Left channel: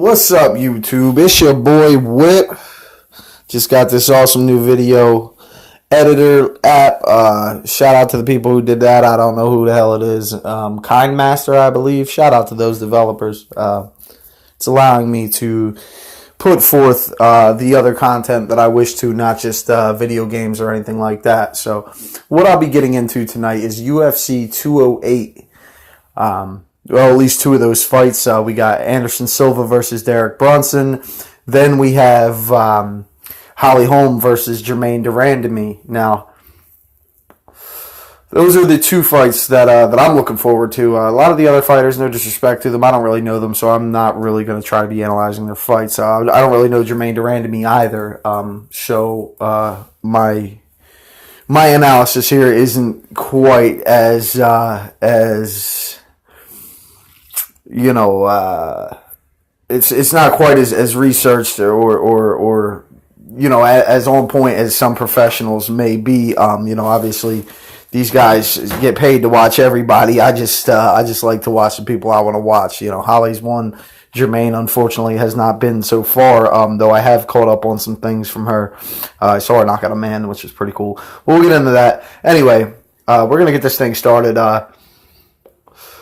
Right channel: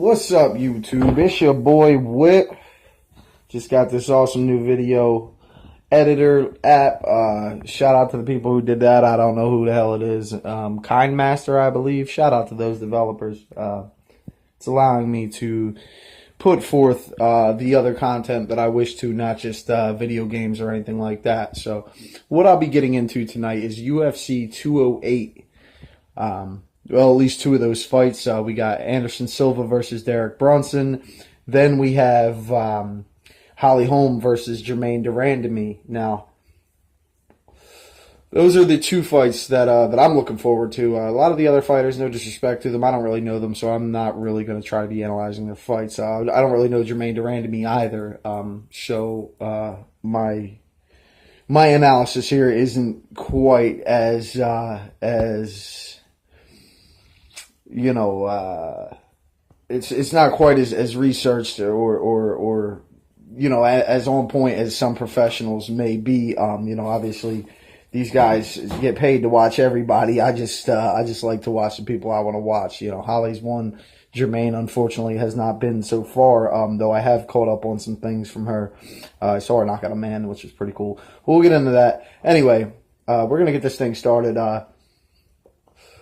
What's up, YouTube? It's your boy Whip. Just got this awesome new video editor app. Shout out to the people who did that. I don't know who the hell it is. KindMaster, I believe. Shout out to those developers. It's allowing me to put forth the other content that I wish to, not just video games or anything like that. So what I'll be getting into tonight is UFC 208. Well, at least two of those fights. We got Anderson Silva versus Derek Brunson. Then we have Holly Holm versus Jermaine Durandamy. Now, those are the two fights that I'm looking forward to. A lot of the other fighters, no disrespect to them, I don't really know them, so I'm not really going to try to be analyzing their fights. I don't really know Jermaine Durandamy either, so my analysis here isn't quite as you know, it's not quite as researched or you know, as on point as some professionals may be. You know, obviously these guys get paid to watch everybody. I just like to watch the people I want to watch. You know, Holly's one. Jermaine, unfortunately, has not been so far, though I have caught up on some things from her. I saw her knock out a man, which is pretty cool. We'll get into that. Anyway, we're going to get this thing started.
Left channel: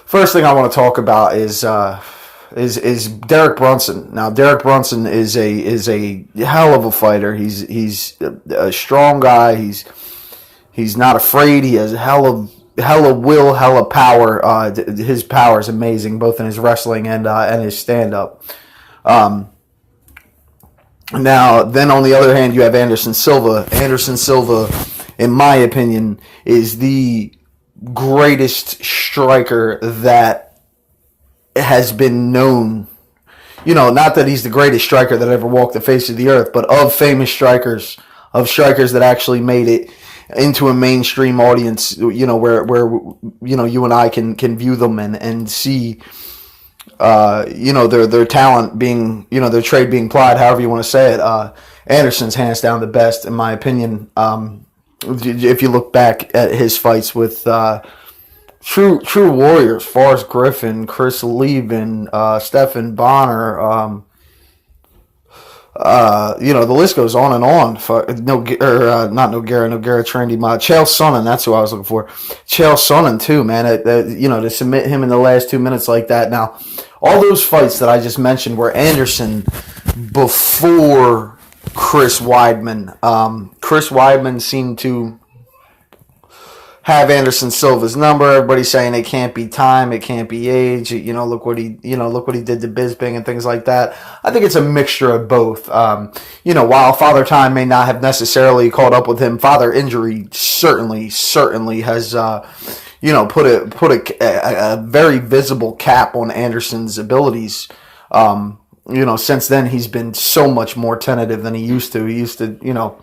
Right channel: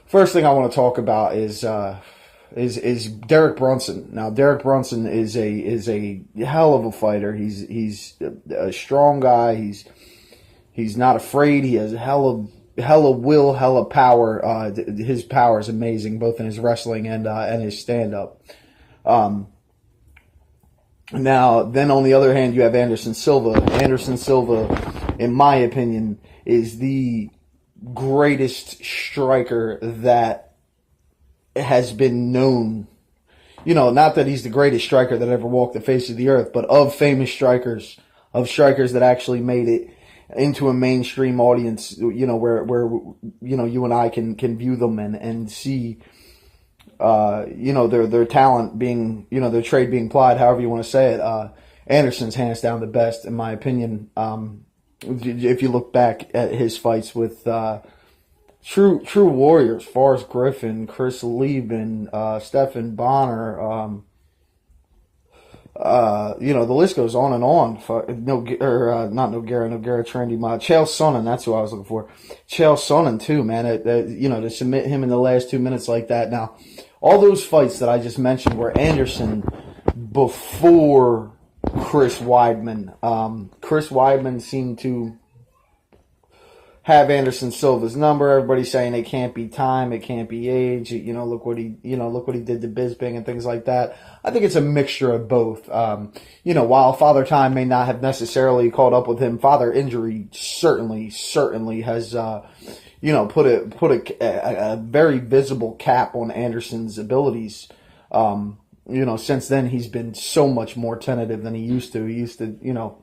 First thing I want to talk about is Derek Brunson. Now, Derek Brunson is a hell of a fighter. He's a strong guy. He's not afraid. He has hella will, hella power. His power is amazing, both in his wrestling and his stand up. Now, then on the other hand, you have Anderson Silva. Anderson Silva, in my opinion, is the greatest striker that has been known. You know, not that he's the greatest striker that ever walked the face of the earth, but of famous strikers, of strikers that actually made it into a mainstream audience, you know, where you know, you and I can view them and see you know, their talent being, you know, their trade being plied, however you want to say it. Anderson's hands down the best, in my opinion. If you look back at his fights with true warriors, Forrest Griffin, Chris Lieben, Stephan Bonner, you know, the list goes on and on. Not Nogueira Trendy, Chael Sonnen, that's who I was looking for. Chael Sonnen too, man. You know, to submit him in the last 2 minutes like that. Now, all those fights that I just mentioned were Anderson before Chris Weidman. Chris Weidman seemed to have Anderson Silva's number. Everybody's saying it can't be time, it can't be age. You know, look what he did to Bisping and things like that. I think it's a mixture of both. You know, while Father Time may not have necessarily caught up with him, Father Injury certainly has you know, put a very visible cap on Anderson's abilities. You know, since then he's been so much more tentative than he used to. He used to, you know,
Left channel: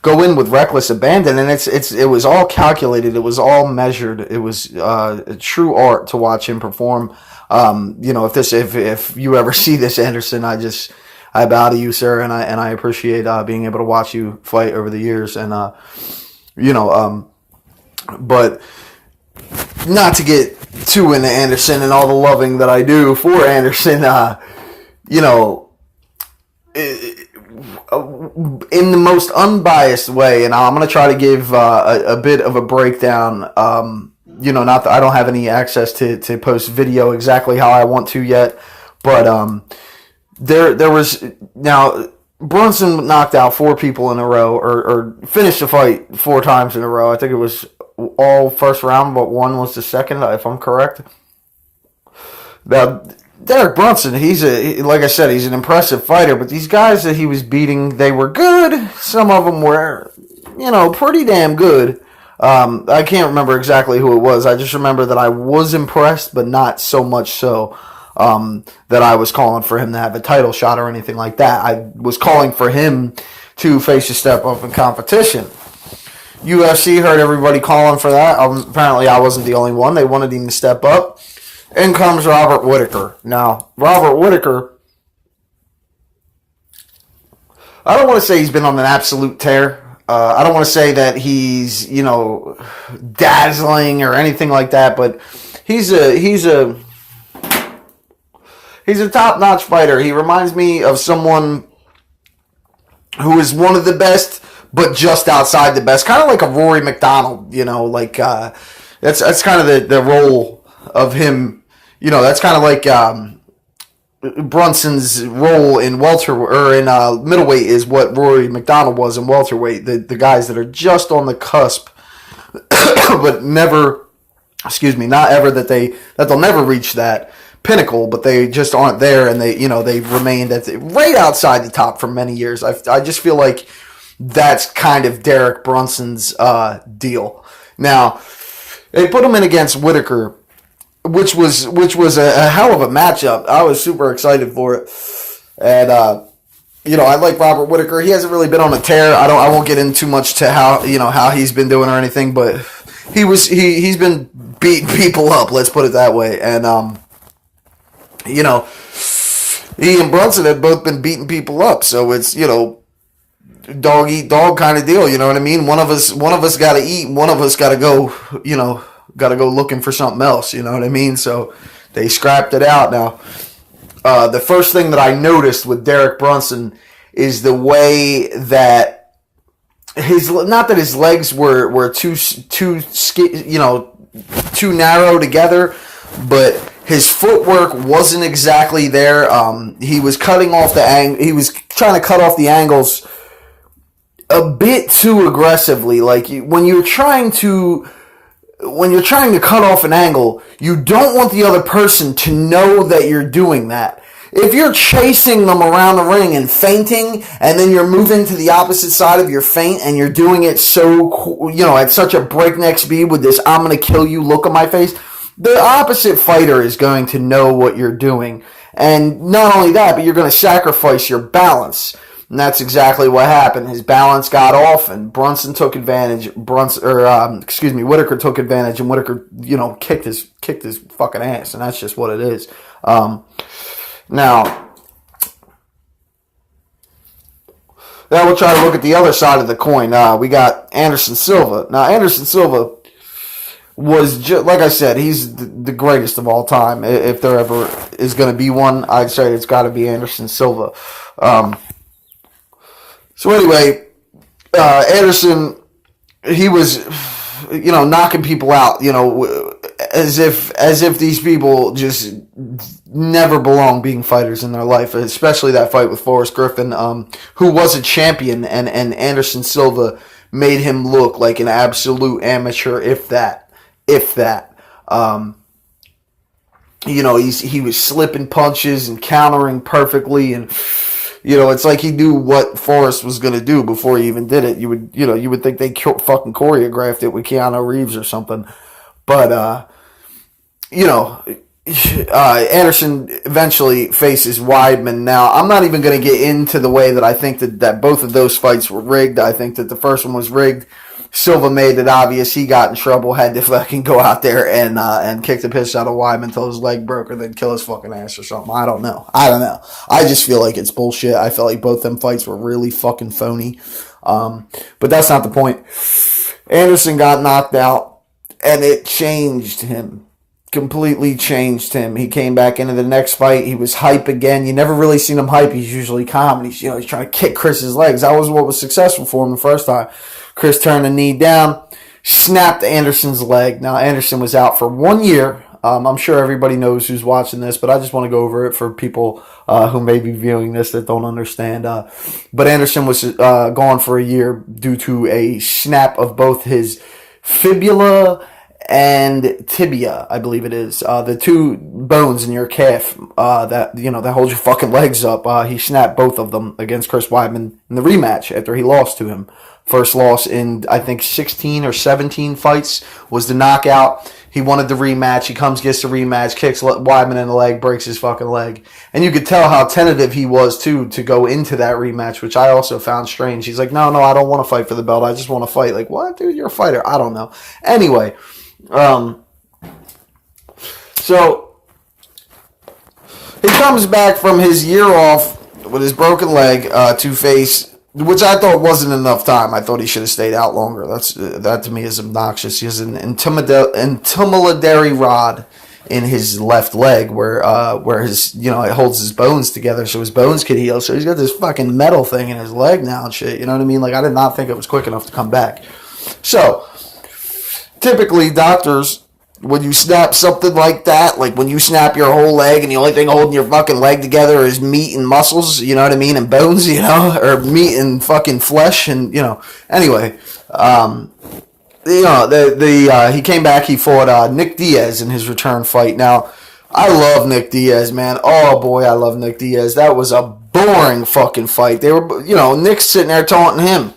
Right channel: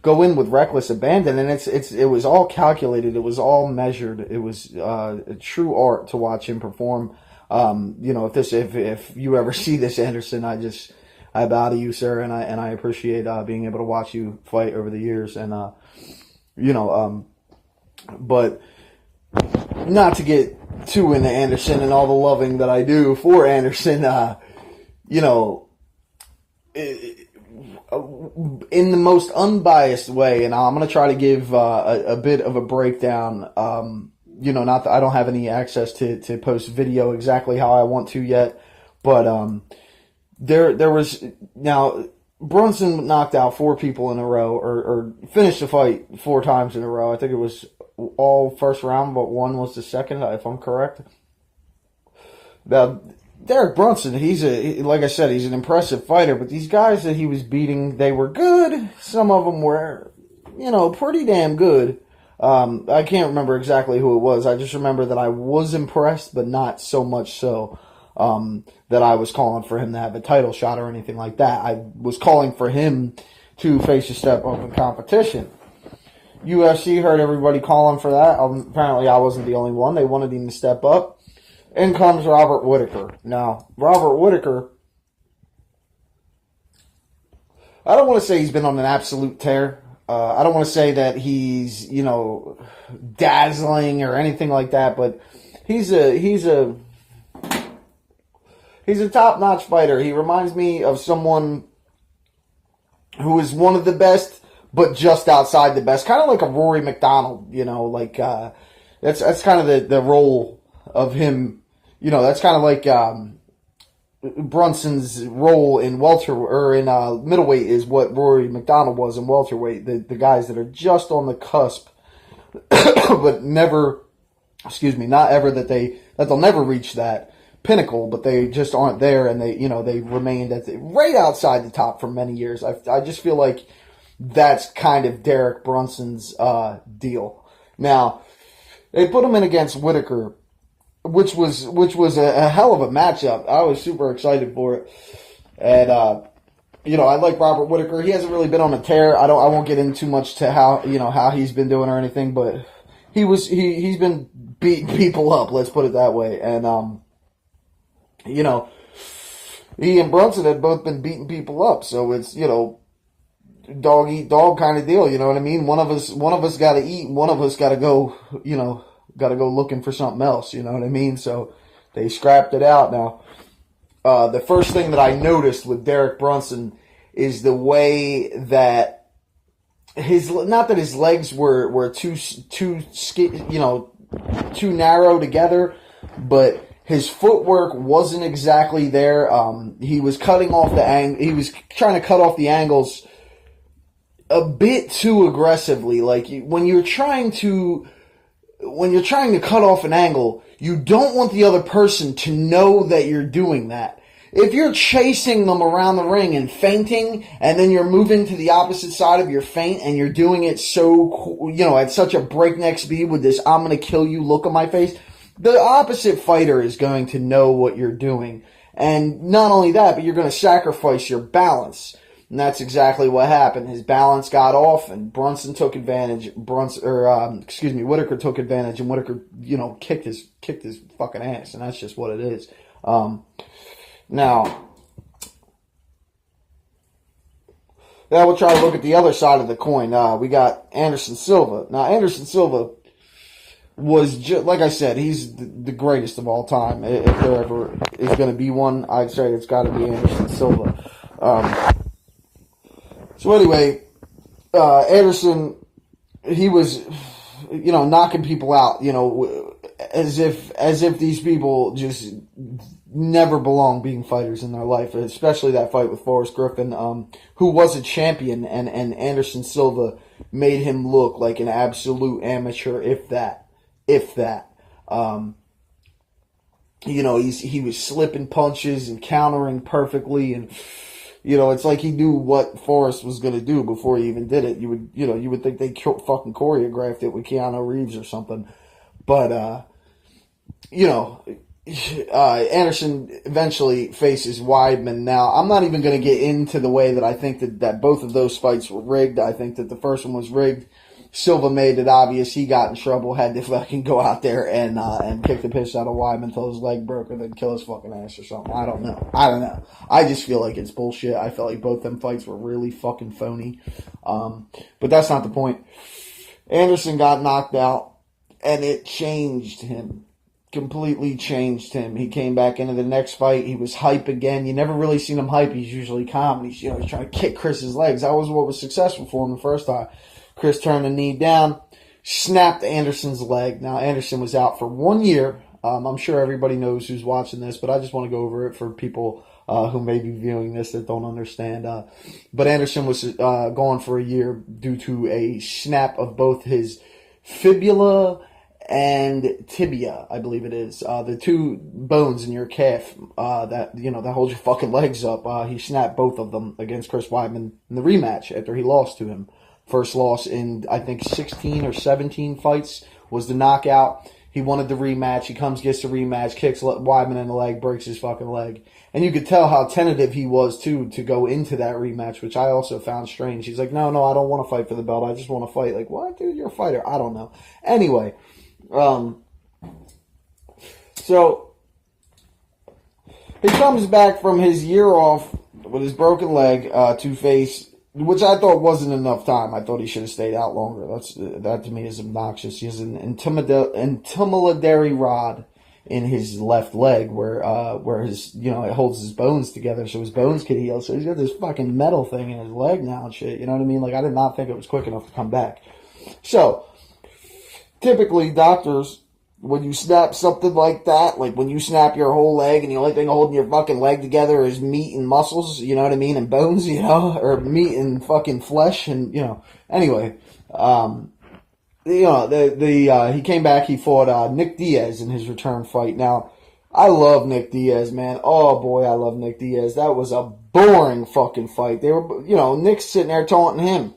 go in with reckless abandon, and it was all calculated. It was all measured. It was a true art to watch him perform. You know, if you ever see this, Anderson, I bow to you, sir, and I appreciate being able to watch you fight over the years, and you know, but not to get too into Anderson and all the loving that I do for Anderson, you know, in the most unbiased way, and I'm going to try to give a bit of a breakdown. You know, not that I don't have any access to post video exactly how I want to yet, but there was, now, Brunson knocked out 4 people in a row, or finished the fight 4 times in a row. I think it was all first round, but one was the second, if I'm correct. Now, Derek Brunson, like I said, he's an impressive fighter, but these guys that he was beating, they were good. Some of them were, you know, pretty damn good. I can't remember exactly who it was. I just remember that I was impressed, but not so much so that I was calling for him to have a title shot or anything like that. I was calling for him to face a step up in competition. UFC heard everybody calling for that. Apparently I wasn't the only one. They wanted him to step up. In comes Robert Whittaker. Now, Robert Whittaker, I don't want to say he's been on an absolute tear. I don't want to say that he's, you know, dazzling or anything like that, but he's a He's a top-notch fighter. He reminds me of someone who is one of the best, but just outside the best. Kind of like a Rory McDonald, like that's kind of the role of him. That's kind of like Brunson's role in middleweight is what Rory McDonald was in welterweight. The guys that are just on the cusp, but never, not ever that they'll never reach that pinnacle, but they just aren't there, and they've remained right outside the top for many years. I just feel like that's kind of Derek Brunson's deal. Now they put him in against Whitaker, which was a hell of a matchup. I was super excited for it, and I like Robert Whitaker. He hasn't really been on a tear. I won't get into too much to how he's been doing or anything, but he's been beating people up. Let's put it that way, and he and Brunson have both been beating people up, so it's dog eat dog kind of deal. You know what I mean? One of us got to eat, and one of us got to go. Got to go looking for something else. You know what I mean? So they scrapped it out. Now, the first thing that I noticed with Derek Brunson is the way that not that his legs were too narrow together, but his footwork wasn't exactly there. He was cutting off he was trying to cut off the angles a bit too aggressively. Like when you're trying to cut off an angle, you don't want the other person to know that you're doing that. If you're chasing them around the ring and feinting, and then you're moving to the opposite side of your feint, and you're doing it so, at such a breakneck speed with this "I'm going to kill you" look on my face, the opposite fighter is going to know what you're doing. And not only that, but you're going to sacrifice your balance. And that's exactly what happened. His balance got off, and Brunson took advantage. Whitaker took advantage, and Whitaker, kicked his fucking ass, and that's just what it is. Now we'll try to look at the other side of the coin. We got Anderson Silva. Now, Anderson Silva was just, like I said, he's the greatest of all time. If there ever is going to be one, I'd say it's got to be Anderson Silva. So anyway, Anderson, he was, knocking people out, as if these people just never belong being fighters in their life, especially that fight with Forrest Griffin, who was a champion, and Anderson Silva made him look like an absolute amateur, if that. He was slipping punches and countering perfectly, and it's like he knew what Forrest was going to do before he even did it. You would think they fucking choreographed it with Keanu Reeves or something. But, Anderson eventually faces Weidman. Now, I'm not even going to get into the way that I think that both of those fights were rigged. I think that the first one was rigged. Silva made it obvious. He got in trouble, had to fucking go out there and kick the piss out of Weidman until his leg broke, or then kill his fucking ass or something. I don't know. I just feel like it's bullshit. I felt like both them fights were really fucking phony. But that's not the point. Anderson got knocked out, and it changed him. Completely changed him. He came back into the next fight. He was hype again. You never really seen him hype. He's usually calm, and he's trying to kick Chris's legs. That was what was successful for him the first time. Chris turned the knee down, snapped Anderson's leg. Now, Anderson was out for 1 year. I'm sure everybody knows who's watching this, but I just want to go over it for people who may be viewing this that don't understand. But Anderson was gone for a year due to a snap of both his fibula and tibia, I believe it is. The two bones in your calf that hold your fucking legs up. He snapped both of them against Chris Weidman in the rematch after he lost to him. First loss in, I think, 16 or 17 fights was the knockout. He wanted the rematch. He gets the rematch, kicks Weidman in the leg, breaks his fucking leg. And you could tell how tentative he was, too, to go into that rematch, which I also found strange. He's like, no, I don't want to fight for the belt. I just want to fight. Like, what, dude? You're a fighter. I don't know. Anyway, so he comes back from his year off with his broken leg to face, which I thought wasn't enough time. I thought he should have stayed out longer. That to me is obnoxious. He has an intimidatory rod in his left leg where his, it holds his bones together so his bones could heal. So he's got this fucking metal thing in his leg now and shit. You know what I mean? Like, I did not think it was quick enough to come back. So typically doctors, when you snap something like that, like when you snap your whole leg and the only thing holding your fucking leg together is meat and muscles, you know what I mean, and bones, or meat and fucking flesh, and anyway, he came back. He fought Nick Diaz in his return fight. Now, I love Nick Diaz, man. Oh boy, I love Nick Diaz. That was a boring fucking fight. They were, Nick's sitting there taunting him.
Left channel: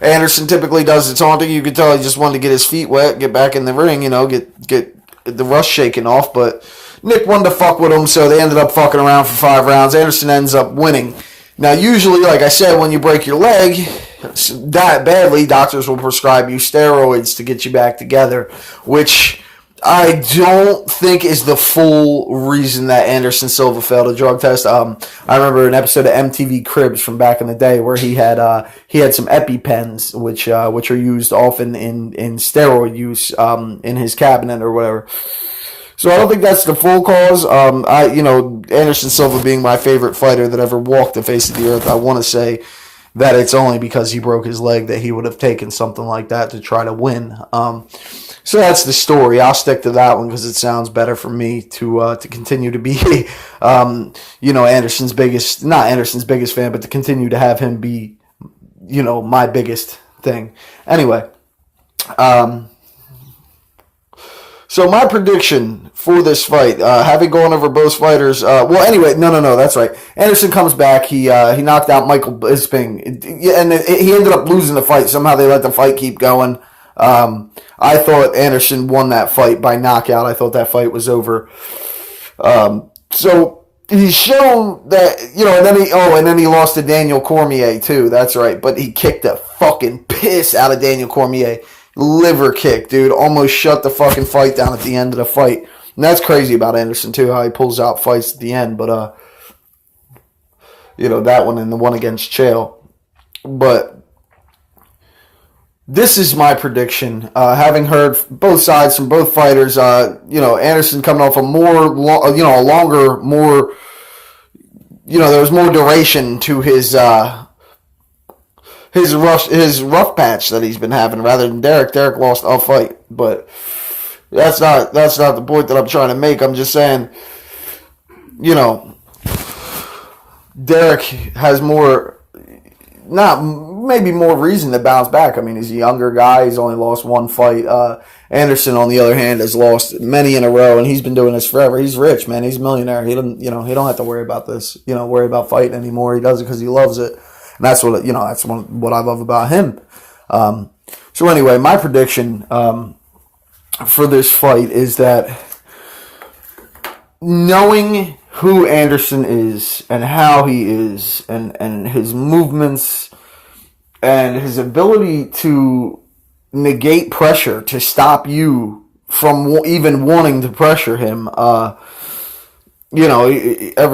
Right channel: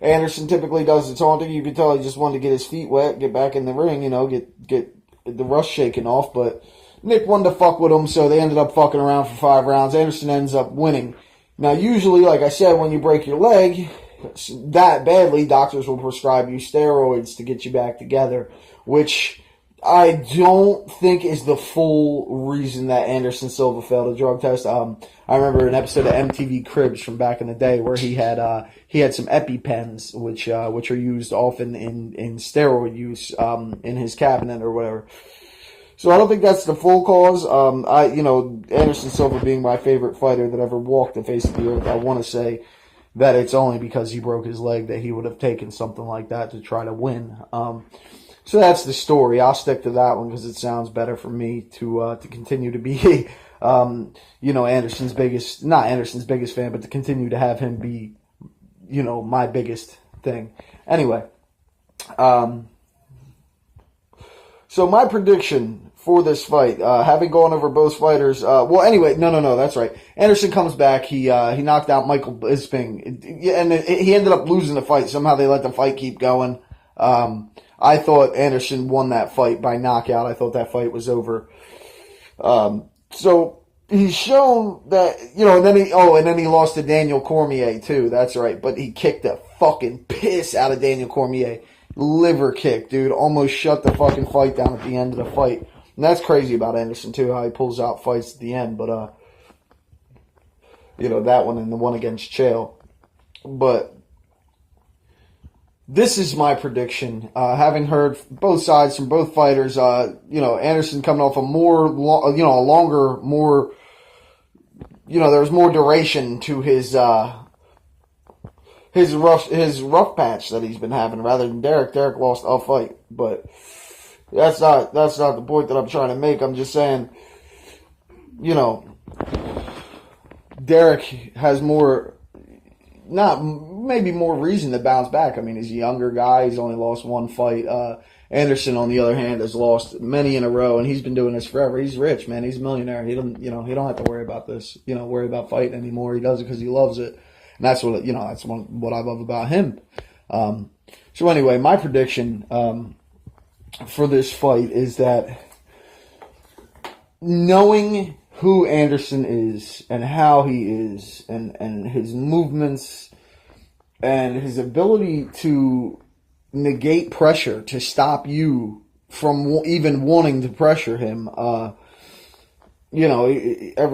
Anderson typically does the taunting. You could tell he just wanted to get his feet wet, get back in the ring, get the rust shaken off. But Nick wanted to fuck with him, so they ended up fucking around for 5 rounds. Anderson ends up winning. Now, usually, like I said, when you break your leg that badly, doctors will prescribe you steroids to get you back together, which I don't think is the full reason that Anderson Silva failed a drug test. I remember an episode of MTV Cribs from back in the day where he had some EpiPens, which are used often in steroid use in his cabinet or whatever. So I don't think that's the full cause. Anderson Silva being my favorite fighter that ever walked the face of the earth, I want to say that it's only because he broke his leg that he would have taken something like that to try to win. So that's the story. I'll stick to that one because it sounds better for me to continue to be, not Anderson's biggest fan, but to continue to have him be, my biggest thing. Anyway, so my prediction for this fight, having gone over both fighters, no, that's right. Anderson comes back. He knocked out Michael Bisping, and he ended up losing the fight. Somehow they let the fight keep going. I thought Anderson won that fight by knockout. I thought that fight was over. So he's shown that, and then he lost to Daniel Cormier too. That's right. But he kicked the fucking piss out of Daniel Cormier. Liver kick, dude. Almost shut the fucking fight down at the end of the fight. And that's crazy about Anderson too, how he pulls out fights at the end. But, that one and the one against Chael. But this is my prediction. Having heard both sides from both fighters, Anderson coming off a longer, more, there was more duration to his rough patch that he's been having rather than Derek. Derek lost a fight, but that's not the point that I'm trying to make. I'm just saying, Derek has maybe more reason to bounce back. I mean, he's a younger guy. He's only lost one fight. Anderson, on the other hand, has lost many in a row, and he's been doing this forever. He's rich, man. He's a millionaire. He don't have to worry about this. Worry about fighting anymore. He does it because he loves it, and that's what what I love about him. So anyway, my prediction for this fight is that, knowing who Anderson is and how he is and his movements and his ability to negate pressure, to stop you from even wanting to pressure him, every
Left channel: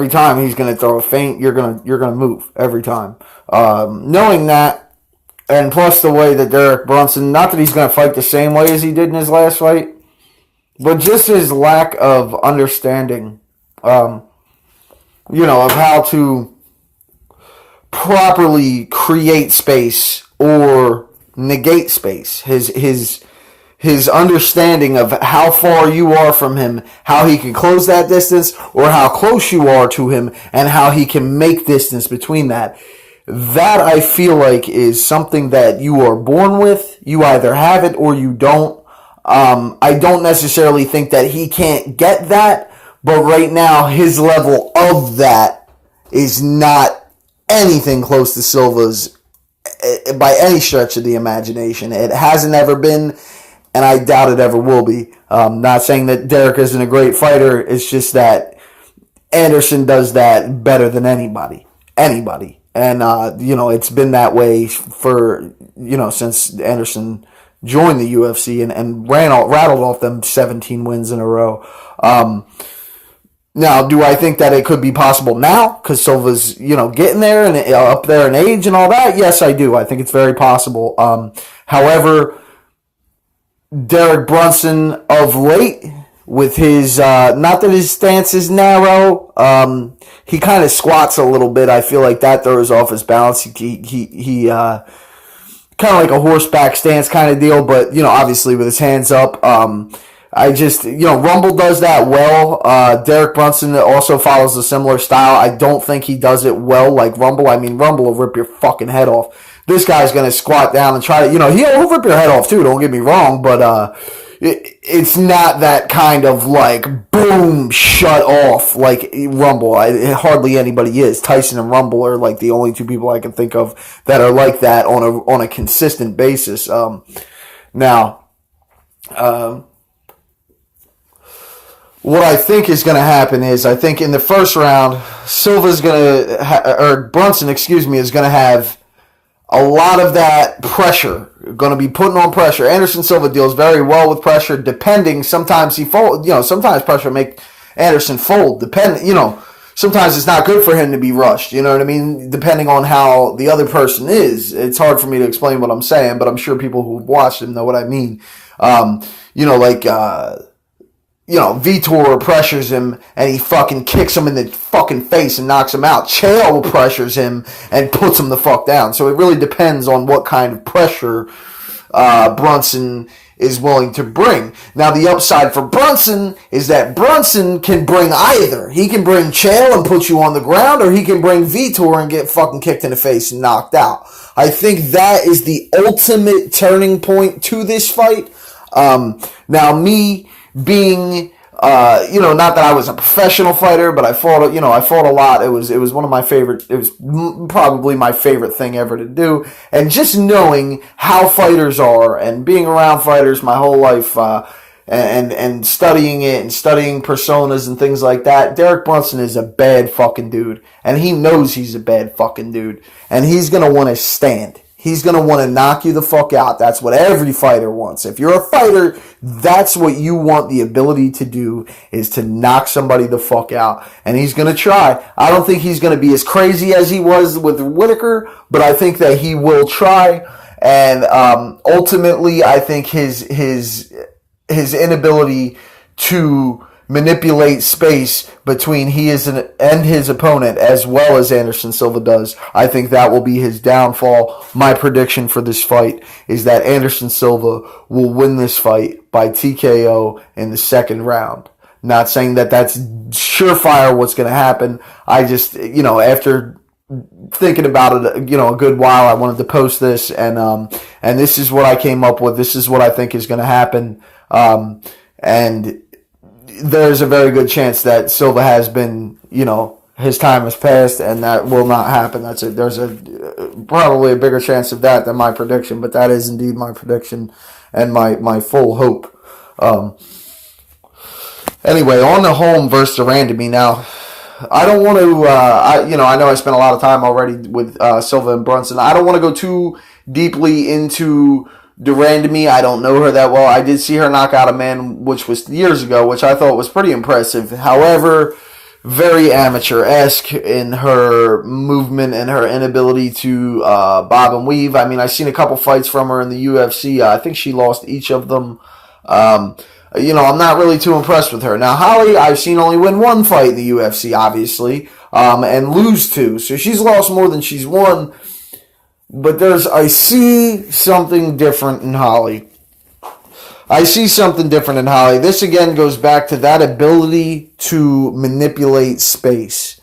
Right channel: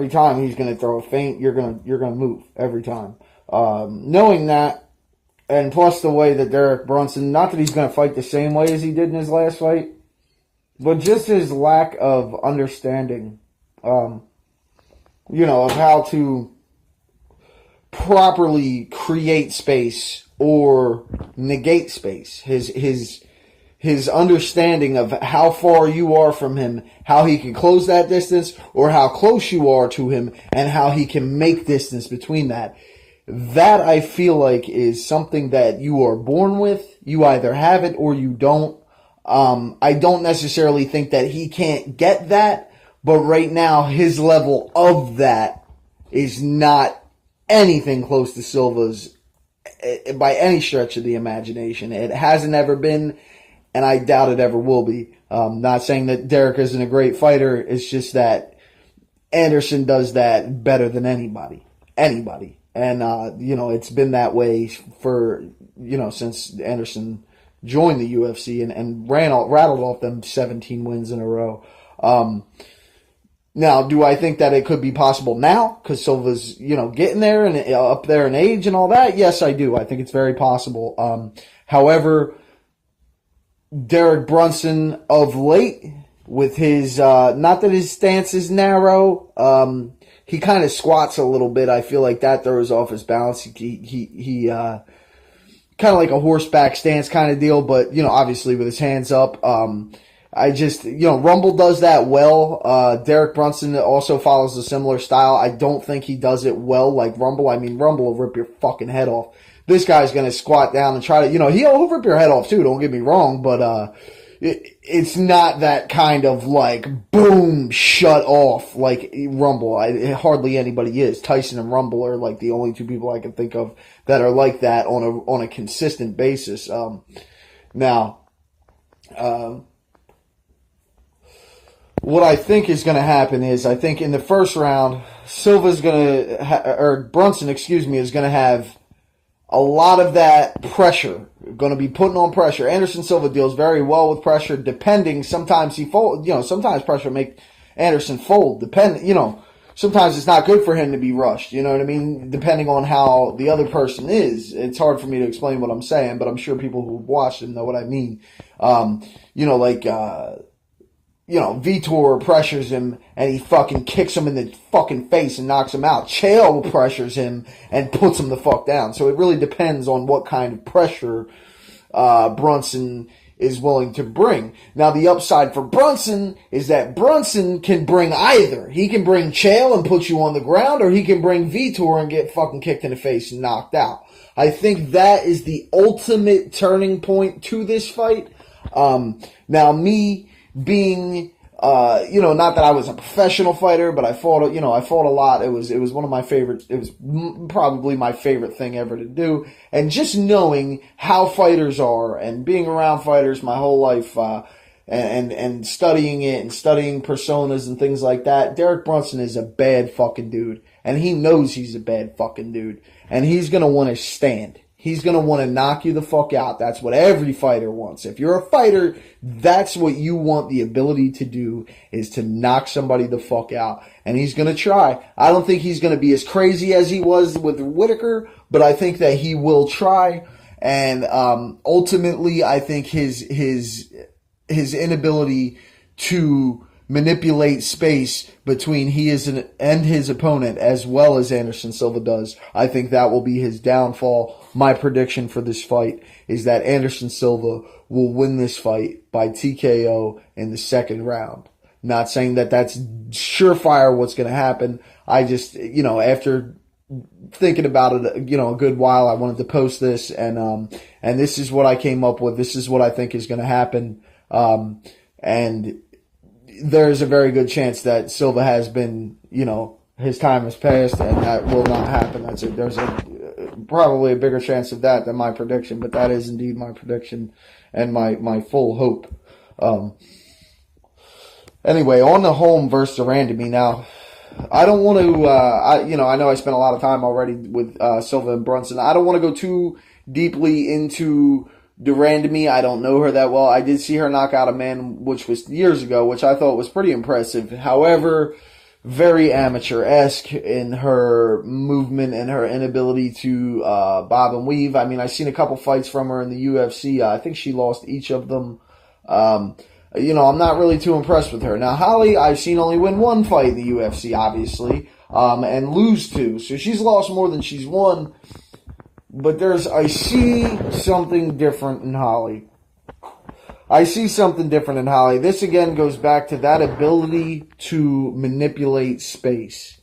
time he's going to throw a feint, you're going to move every time. Knowing that, and plus the way that Derek Brunson, not that he's going to fight the same way as he did in his last fight, but just his lack of understanding, of how to properly create space or negate space. His understanding of how far you are from him, how he can close that distance, or how close you are to him, and how he can make distance between that. That, I feel like, is something that you are born with. You either have it or you don't. I don't necessarily think that he can't get that, but right now his level of that is not anything close to Silva's by any stretch of the imagination. It hasn't ever been, and I doubt it ever will be. Not saying that Derek isn't a great fighter. It's just that Anderson does that better than anybody. And, it's been that way for, since Anderson joined the UFC and rattled off them 17 wins in a row. Now, do I think that it could be possible now? Because Silva's, getting there and up there in age and all that? Yes, I do. I think it's very possible. However, Derek Brunson of late, with his not that his stance is narrow. He kind of squats a little bit. I feel like that throws off his balance. He kind of like a horseback stance kind of deal, but obviously with his hands up. I just, Rumble does that well. Derek Brunson also follows a similar style. I don't think he does it well like Rumble. I mean, Rumble will rip your fucking head off. This guy's going to squat down and try to, he'll rip your head off too, don't get me wrong, but it's not that kind of like boom, shut off like Rumble. Hardly anybody is. Tyson and Rumble are like the only two people I can think of that are like that on a consistent basis. What I think is going to happen is I think in the first round, Brunson, is going to have a lot of that pressure, going to be putting on pressure. Anderson Silva deals very well with pressure, depending. Sometimes he fold, sometimes pressure make Anderson fold. Sometimes it's not good for him to be rushed. You know what I mean? Depending on how the other person is. It's hard for me to explain what I'm saying, but I'm sure people who've watched him know what I mean. Vitor pressures him and he fucking kicks him in the fucking face and knocks him out. Chael pressures him and puts him the fuck down. So it really depends on what kind of pressure Brunson is willing to bring. Now the upside for Brunson is that Brunson can bring either. He can bring Chael and put you on the ground, or he can bring Vitor and get fucking kicked in the face and knocked out. I think that is the ultimate turning point to this fight. Now me being, not that I was a professional fighter, but I fought a lot. It was one of my favorite. It was probably my favorite thing ever to do. And just knowing how fighters are and being around fighters my whole life, and studying it and studying personas and things like that. Derek Brunson is a bad fucking dude, and he knows he's a bad fucking dude, and he's gonna want to stand. He's going to want to knock you the fuck out. That's what every fighter wants. If you're a fighter, that's what you want the ability to do, is to knock somebody the fuck out. And he's going to try. I don't think he's going to be as crazy as he was with Whitaker, but I think that he will try. And ultimately, I think his inability to manipulate space between and his opponent, as well as Anderson Silva does, I think that will be his downfall. My prediction for this fight is that Anderson Silva will win this fight by TKO in the second round. Not saying that that's surefire what's going to happen. I just, after thinking about it, a good while, I wanted to post this, and this is what I came up with. This is what I think is going to happen. And there's a very good chance that Silva has been, his time has passed, and that will not happen. There's probably a bigger chance of that than my prediction, but that is indeed my prediction and my full hope. Anyway, on the home versus the Randami. Now, I don't want to, I know I spent a lot of time already with Silva and Brunson. I don't want to go too deeply into Durandamy. I don't know her that well. I did see her knock out a man, which was years ago, which I thought was pretty impressive. However, very amateur-esque in her movement and her inability to bob and weave. I mean, I've seen a couple fights from her in the UFC. I think she lost each of them. I'm not really too impressed with her. Now, Holly, I've seen only win one fight in the UFC, obviously, and lose two. So she's lost more than she's won. But I see something different in Holly. This again goes back to that ability to manipulate space.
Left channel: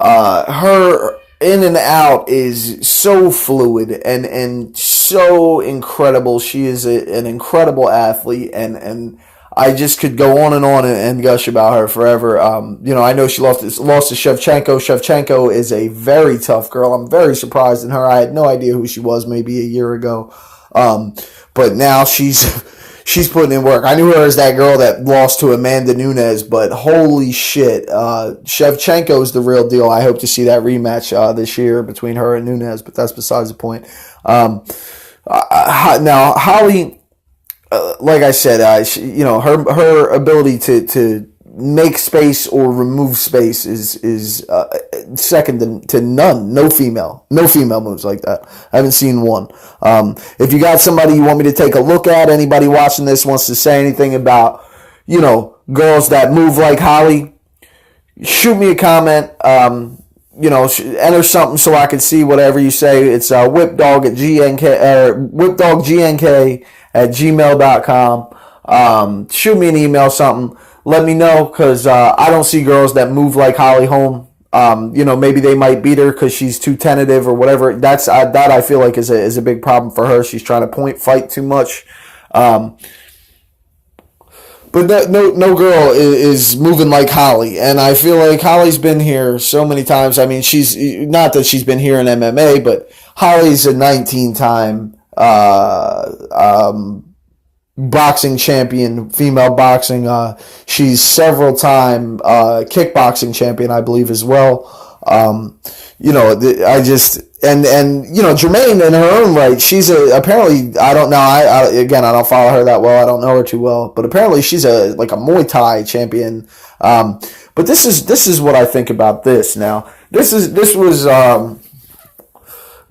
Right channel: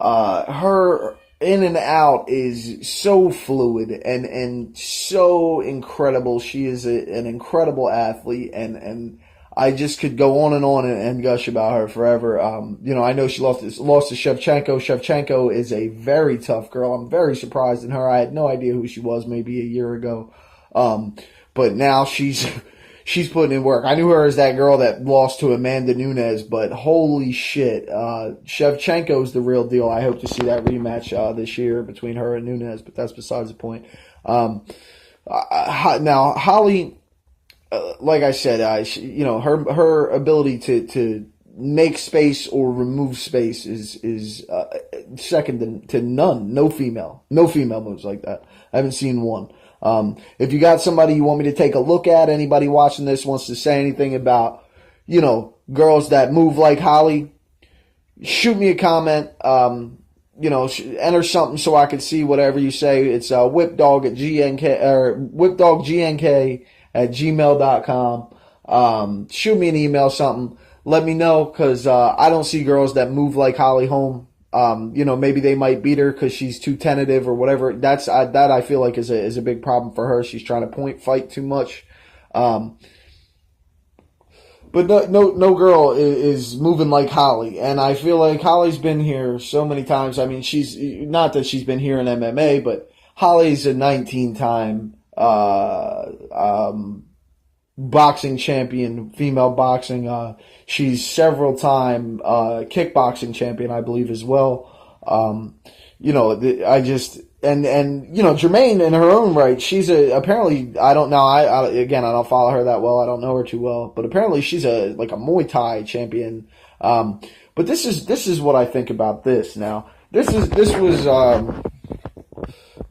Her in and out is so fluid and so incredible. She is an incredible athlete, and I just could go on and gush about her forever. I know she lost to Shevchenko. Shevchenko is a very tough girl. I'm very surprised in her. I had no idea who she was maybe a year ago. But now she's putting in work. I knew her as that girl that lost to Amanda Nunes, but holy shit. Shevchenko is the real deal. I hope to see that rematch this year between her and Nunes, but that's besides the point. Now, Holly, like I said, her ability to make space or remove space is second to none. No female moves like that. I haven't seen one. If you got somebody you want me to take a look at, anybody watching this wants to say anything about, girls that move like Holly, shoot me a comment. Enter something so I can see whatever you say. It's whipdog at GNK or whipdoggnk at gmail.com. Shoot me an email, something. Let me know because I don't see girls that move like Holly Holm. Maybe they might beat her because she's too tentative or whatever. That I feel like is a big problem for her. She's trying to point fight too much. But no girl is moving like Holly, and I feel like Holly's been here so many times. I mean, she's not that she's been here in MMA, but Holly's a 19-time boxing champion, female boxing. She's several-time kickboxing champion, I believe, as well. I just and Jermaine in her own right, she's apparently I don't know. I don't follow her that well. I don't know her too well, but apparently she's a Muay Thai champion. But this is what I think about this. Now this was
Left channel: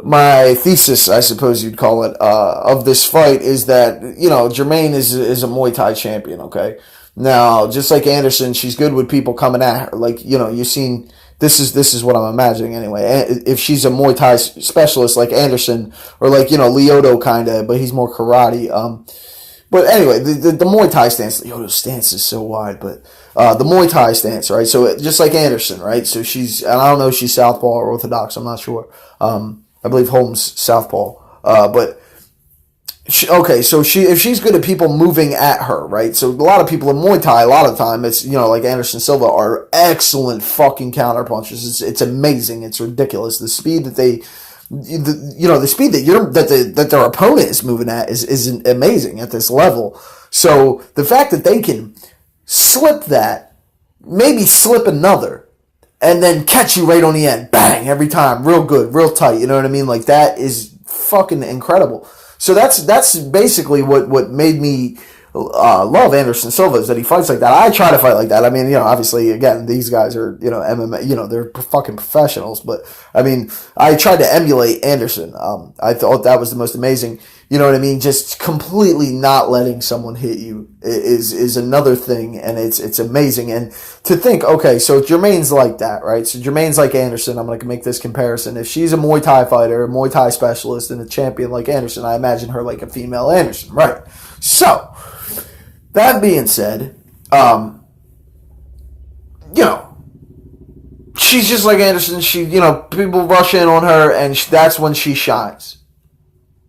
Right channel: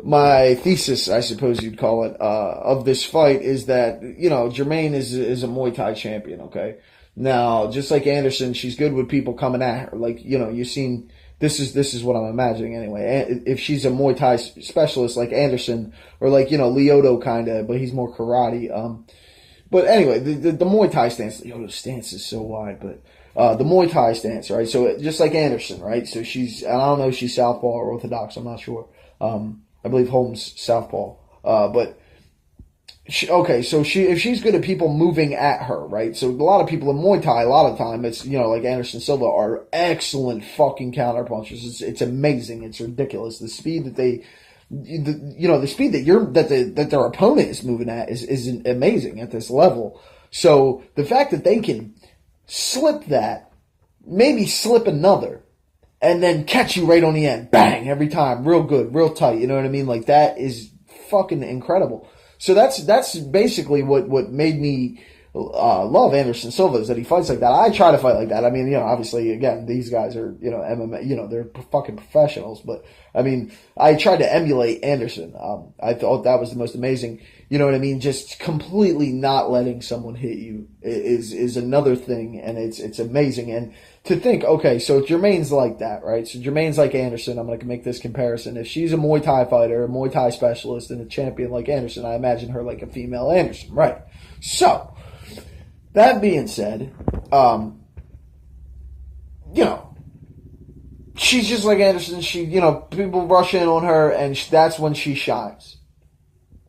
my thesis, I suppose you'd call it, of this fight is that Jermaine is a Muay Thai champion. Okay, now just like Anderson, she's good with people coming at her. You've seen. This is what I'm imagining anyway. If she's a Muay Thai specialist like Anderson or Lyoto kind of, but he's more karate. But anyway, the Muay Thai stance, Lyoto's stance is so wide, but the Muay Thai stance, right? So just like Anderson, right? So I don't know if she's southpaw or orthodox. I'm not sure. I believe Holmes southpaw. But if she's good at people moving at her, right? So a lot of people in Muay Thai, a lot of the time, it's like Anderson Silva, are excellent fucking counter punchers. It's amazing. It's ridiculous. The speed that the speed that their opponent is moving at is amazing at this level. So the fact that they can slip that, maybe slip another, and then catch you right on the end, bang, every time, real good, real tight. You know what I mean? Like that is fucking incredible. So that's basically what made me love Anderson Silva, is that he fights like that. I try to fight like that. I mean, obviously, again, these guys are, MMA, they're fucking professionals. But, I mean, I tried to emulate Anderson. I thought that was the most amazing, you know what I mean? Just completely not letting someone hit you is another thing, and it's amazing. And to think, okay, so Jermaine's like that, right? So Jermaine's like Anderson. I'm going to make this comparison. If she's a Muay Thai fighter, a Muay Thai specialist, and a champion like Anderson, I imagine her like a female Anderson, right? So, that being said, she's just like Anderson. People rush in on her, and that's when she shines.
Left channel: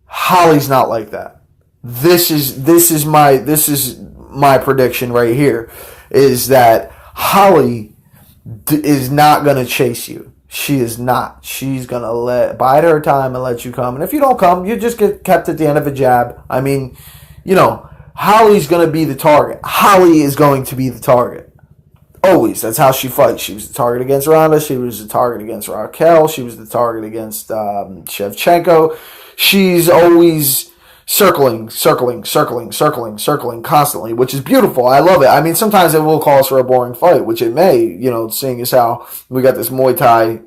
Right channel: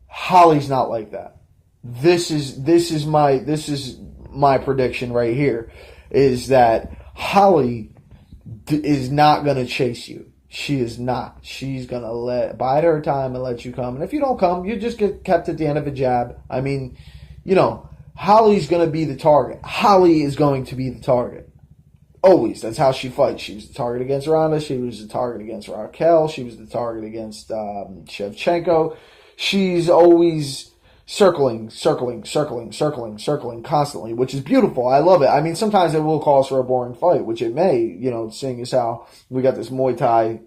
Holly's not like that. This is my prediction right here, is that Holly is not gonna chase you. She is not. She's gonna bide her time and let you come. And if you don't come, you just get kept at the end of a jab. I mean, Holly's going to be the target. Holly is going to be the target. Always. That's how she fights. She was the target against Ronda. She was the target against Raquel. She was the target against Shevchenko. She's always circling constantly, which is beautiful. I love it. I mean, sometimes it will cause for a boring fight, which it may, seeing as how we got this Muay Thai,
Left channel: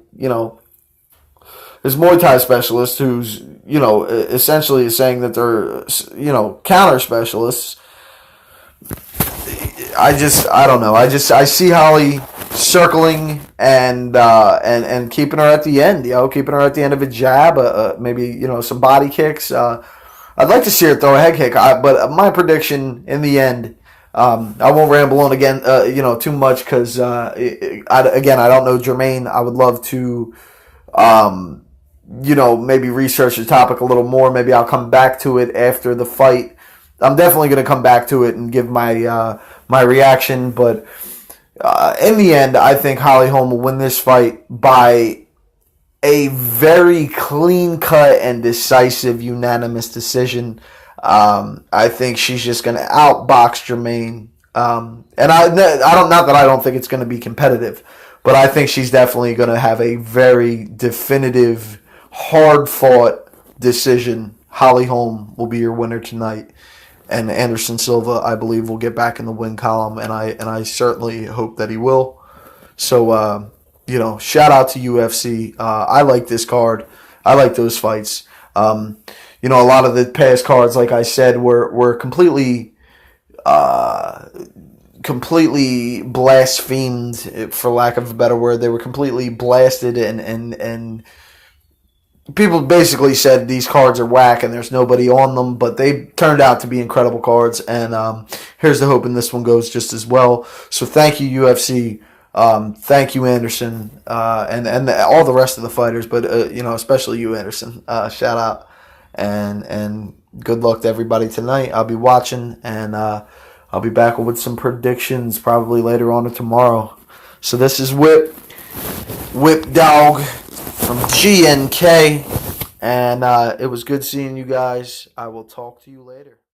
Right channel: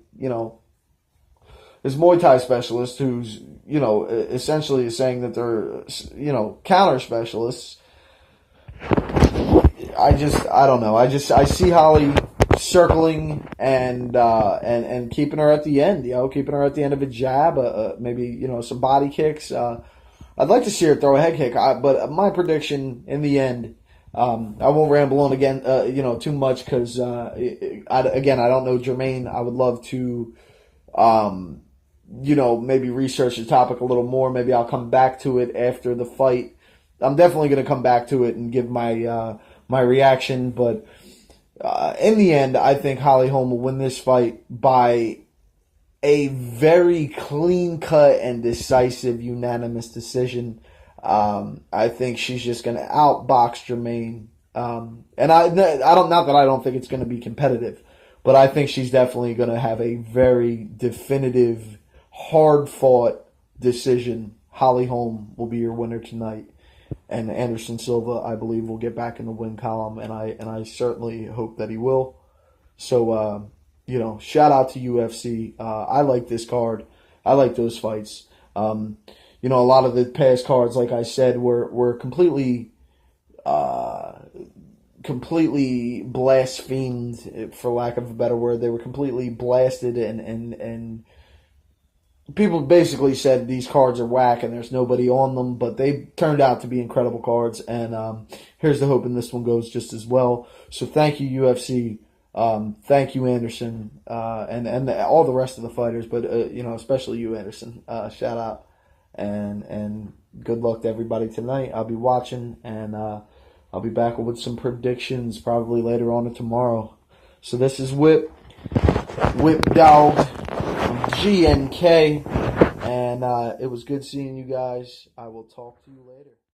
this Muay Thai specialist who's, essentially is saying that they're, counter specialists. I don't know. I see Holly circling and keeping her at the end, keeping her at the end of a jab, maybe, some body kicks. I'd like to see her throw a head kick, but my prediction in the end, I won't ramble on again, too much because, I don't know Jermaine. I would love to, maybe research the topic a little more. Maybe I'll come back to it after the fight. I'm definitely going to come back to it and give my my reaction. But in the end, I think Holly Holm will win this fight by a very clean-cut and decisive unanimous decision. I think she's just going to outbox Jermaine. And I don't, not that I don't think it's going to be competitive, but I think she's definitely going to have a very definitive, hard-fought decision. Holly Holm will be your winner tonight, and Anderson Silva, I believe, will get back in the win column, and I certainly hope that he will. So, shout out to UFC. I like this card. I like those fights. A lot of the past cards, like I said, were completely completely blasphemed, for lack of a better word. They were completely blasted, and people basically said these cards are whack and there's nobody on them, but they turned out to be incredible cards. And here's the hoping this one goes just as well. So thank you, UFC. Thank you, Anderson, and all the rest of the fighters, but especially you, Anderson. Shout out, and good luck to everybody tonight. I'll be watching, and I'll be back with some predictions probably later on or tomorrow. So this is Whip Dog from GNK, and it was good seeing you guys. I will talk to you later.